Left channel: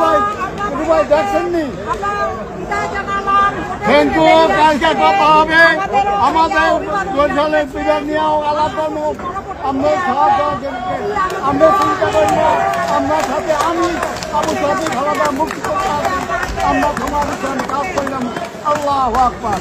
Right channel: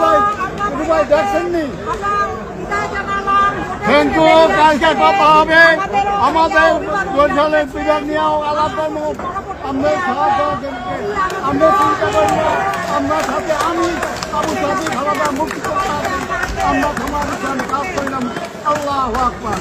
ভাই দেখছেননি? কিন্তু কালকে কথা হবে আমাদের বরিশালের বিভাগ নিয়েও আলাদা আমরা আমরা চিন্তা করি না, আমরা সাথে আমি আবু সাথে খালাদা মুক্তি করতে আমরা সমাবেশন কাজ করলাম। আল্লাহু আকবার।